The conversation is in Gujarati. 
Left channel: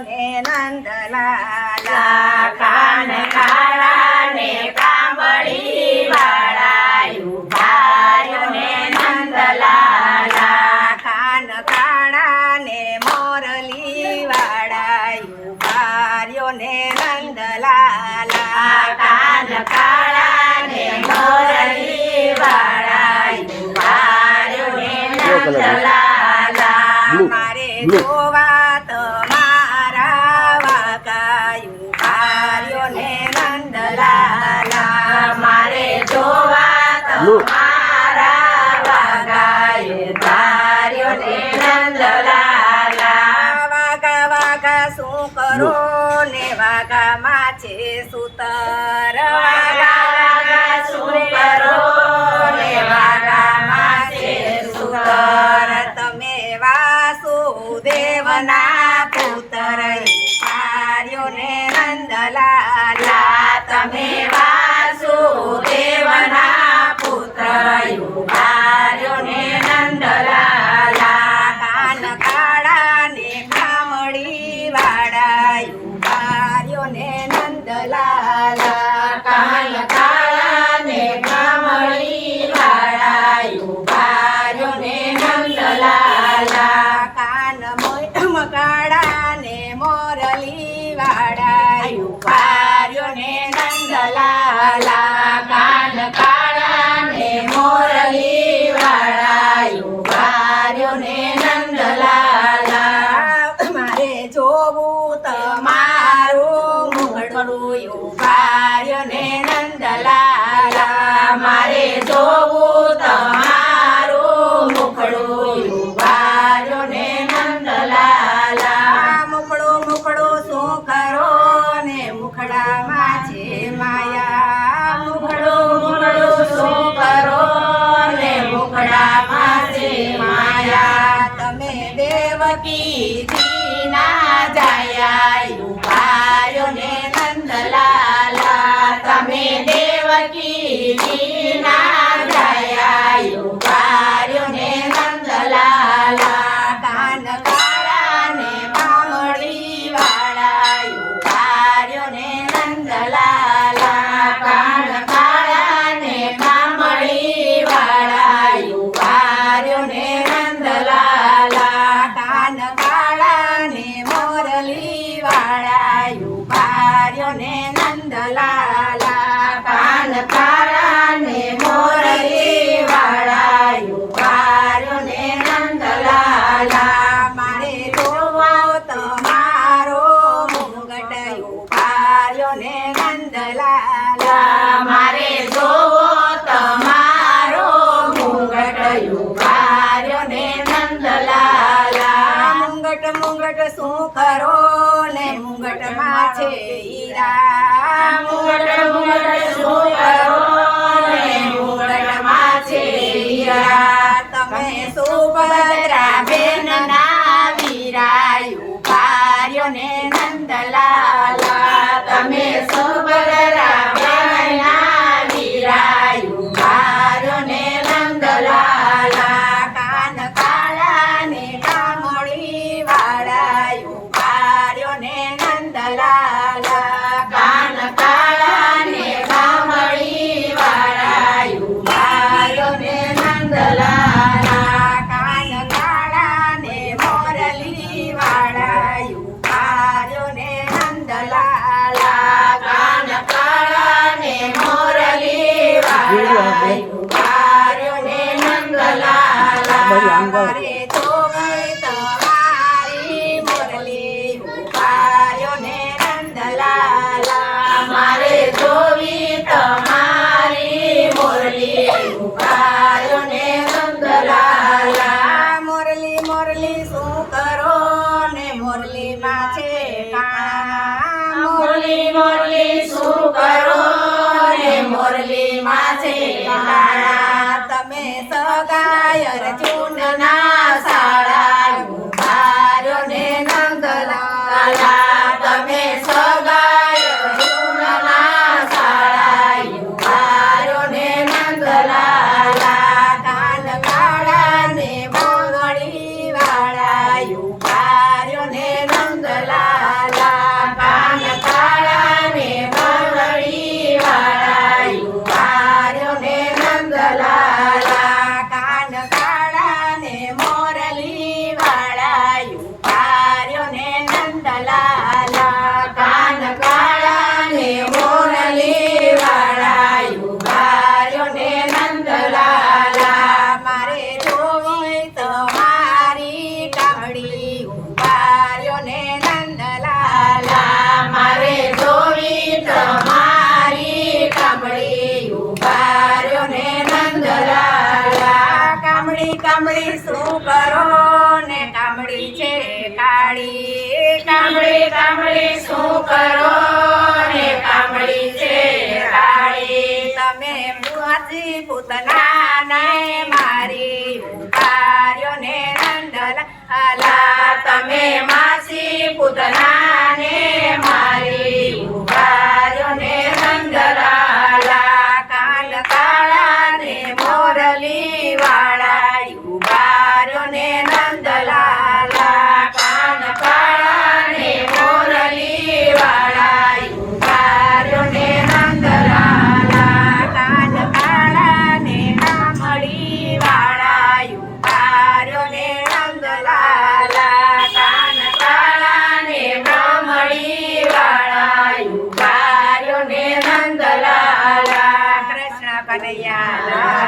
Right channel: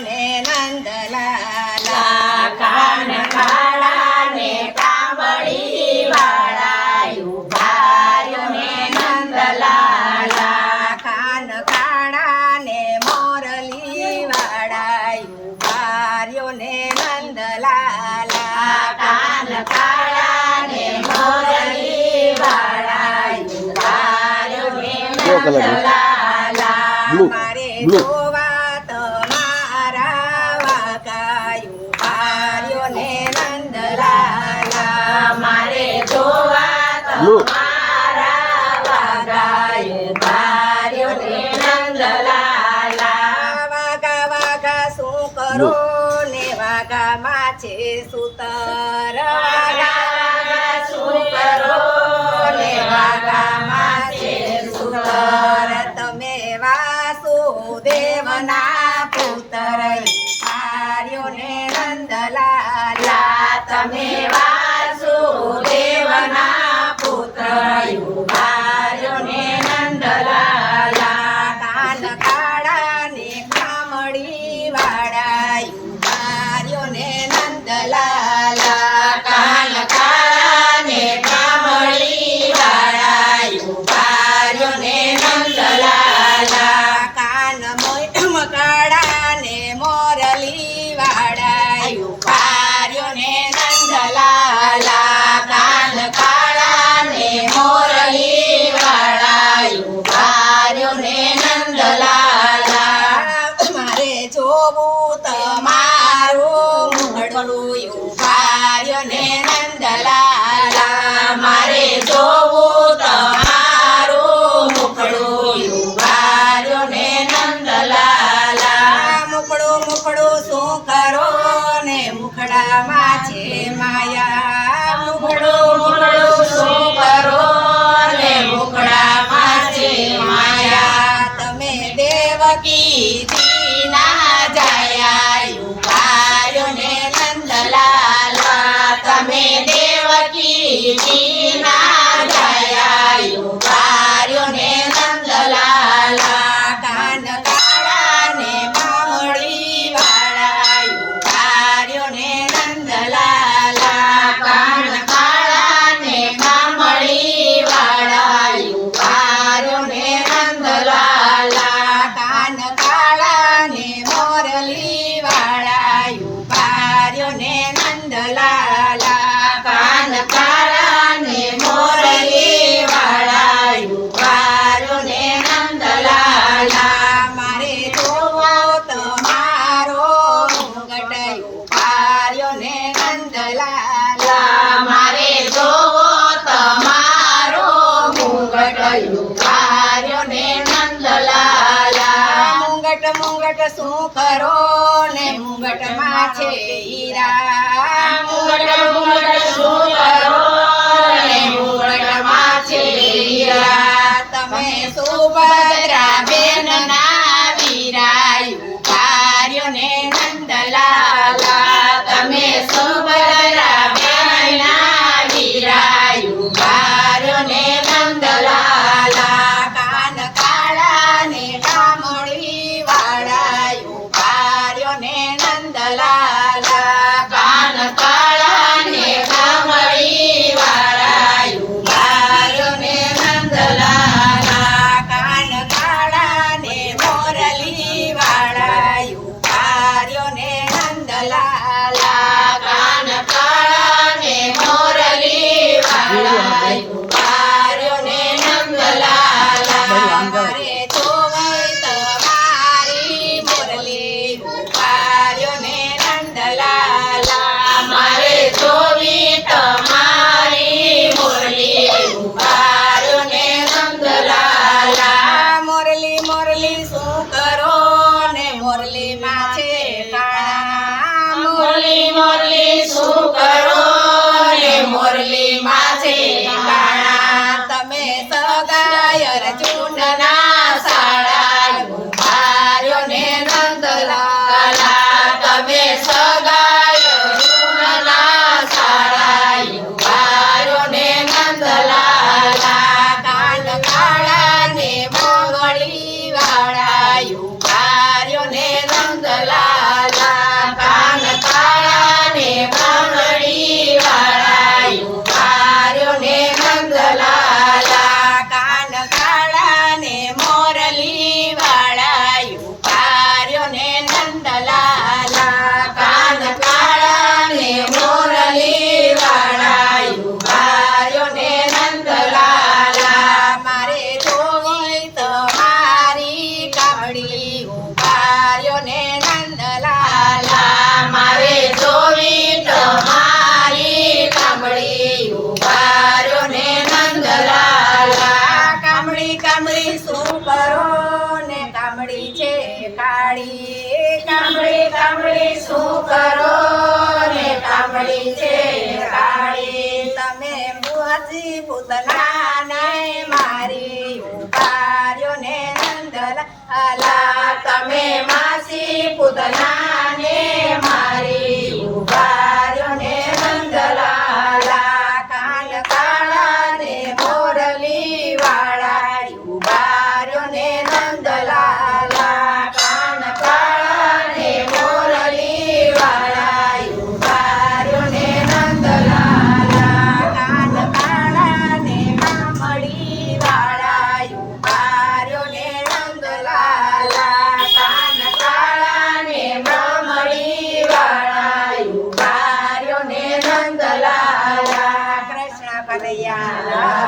ને નંદલાલા કાન કાળા ને કાંબળી વાળા ઉભાર્યો ને નંદલાલા કાન કાળા ને મોરલી વાળા ઉભાર્યો ને નંદલાલા કાન કાળા ને મોરલી વાળા ઉભાર્યો ને નંદલાલા મારે જોવા તમારા વાકાયું ભાર્યો ને નંદલાલા મારે જોવા તમારા વાગાયું ભાર્યો ને નંદલાલા વાગા વાગા શું કરો ને વાગામાં છે સુતર વાગા વાગા શું કરો ને વાગામાં છે સુતર તમે વાસુદેવના પુત્ર ભાર્યો ને નંદલાલા તમે વાસુદેવના પુત્ર ઉભાર્યો ને નંદલાલા કાન કાળા ને કામળી વાળા ઉભાર્યો ને નંદલાલા કાન કાળા ને કામળી વાળા ઉભાર્યો ને નંદલાલા કાન કાળા ને મોરલી વાળા ઉભાર્યો ને નંદલાલા કાન કાળા ને મોરલી વાળા ઉભાર્યો ને નંદલાલા મારે જોવું તમારું મુખડું ઉભાર્યો ને નંદલાલા મારે જોવું તમારું મુખડું ઉભાર્યો ને નંદલાલા મુખડું મુખડું શું કરો ને મુખડામાં છે માયા મુખડું મુખડું શું કરો ને મુખડામાં છે માયા તમે દેવકી ના જાયા ઉભાર્યો ને નંદલાલા તમે દેવકી ના જાયા ઉભાર્યો ને નંદલાલા કાન કાળા ને કામળી વાળા ઉભાર્યો ને નંદલાલા કાન કાળા ને કામળી વાળા ઉભાર્યો ને નંદલાલા કાન કાળા ને મોરલી વાળા ઉભાર્યો ને નંદલાલા કાન કાળા ને મોરલી વાળા ઉભાર્યો ને નંદલાલા મારે જોવો તમારો મુગટ ઉભાર્યો ને નંદલાલા મારે જોવો તમારો મુગટ ઉભાર્યો ને નંદલાલા મુંગટ મુંગટ શું કરો ને મુંગટમાં છે હીરા મુગટ મુગટ શું કરો ને મુગટમાં છે હીરા તમે સુભદ્રા બેન ના વીરા ઉભાર્યો ને નંદલાલા તમે સુભદ્રા બેન ના વીરા ઉભાર્યો ને નંદલાલા કાન કાળા ને કામળી વાળા ઉભાર્યો ને નંદલાલા કાન કાળા ને કામળી વાળા ઉભાર્યો ને નંદલાલા કાન કાળા ને મોરલી વાળા ઉભાર્યો ને નંદલાલા કાન કાળા ને મોરલી વાળા ઉભાર્યો ને નંદલાલા મારે જોવાય તમારી મોરલી ઉભાર્યો ને નંદલાલા મારે જોવી તમારી મોરલી ઉભાર્યો ને નંદલાલા મોરલી મોરલી શું કરો ને મોરલીમાં છે કાના મોરલી મોરલી શું કરો ને મોરલી માં છે કાણા તમે સગાય અર્જુનના શાળા ઉભાર્યો ને નંદલાલા તમે સગાય અર્જુનના શાળા ઉભાર્યો ને નંદલાલા કાન કાળા ને મોગળી વાળા ઉભાર્યો ને નંદલાલા કામળી ઉભાર્યો ને નંદલાલા મારે જોવી તમારી કામળી ઉભાર્યો ને નંદલાલા કામળી કામળી શું કરો ને કામળી છે કાળી કામળી કામળી શું કરો ને કામળી છે કાળી તમે મુઆજી પૂતના ને મારી ઉભાર્યો ને નંદલાલા તમે માસી પૂતનાને મારી ઉભાર્યો ને નંદલાલા કાન કાળા ને મોરલી વાળા ઉભાર્યો ને નંદલાલા કાન કાળા ને મોરલી વાળા ઉભાર્યો ને નંદલાલા કાન કાળા ને કામળી વાળા ઉભાર્યો ને નંદલાલા કાન કાળા ને મામડી વાળા ઉભાર્યો ને નંદલાલા કૃષ્ણ કનૈયા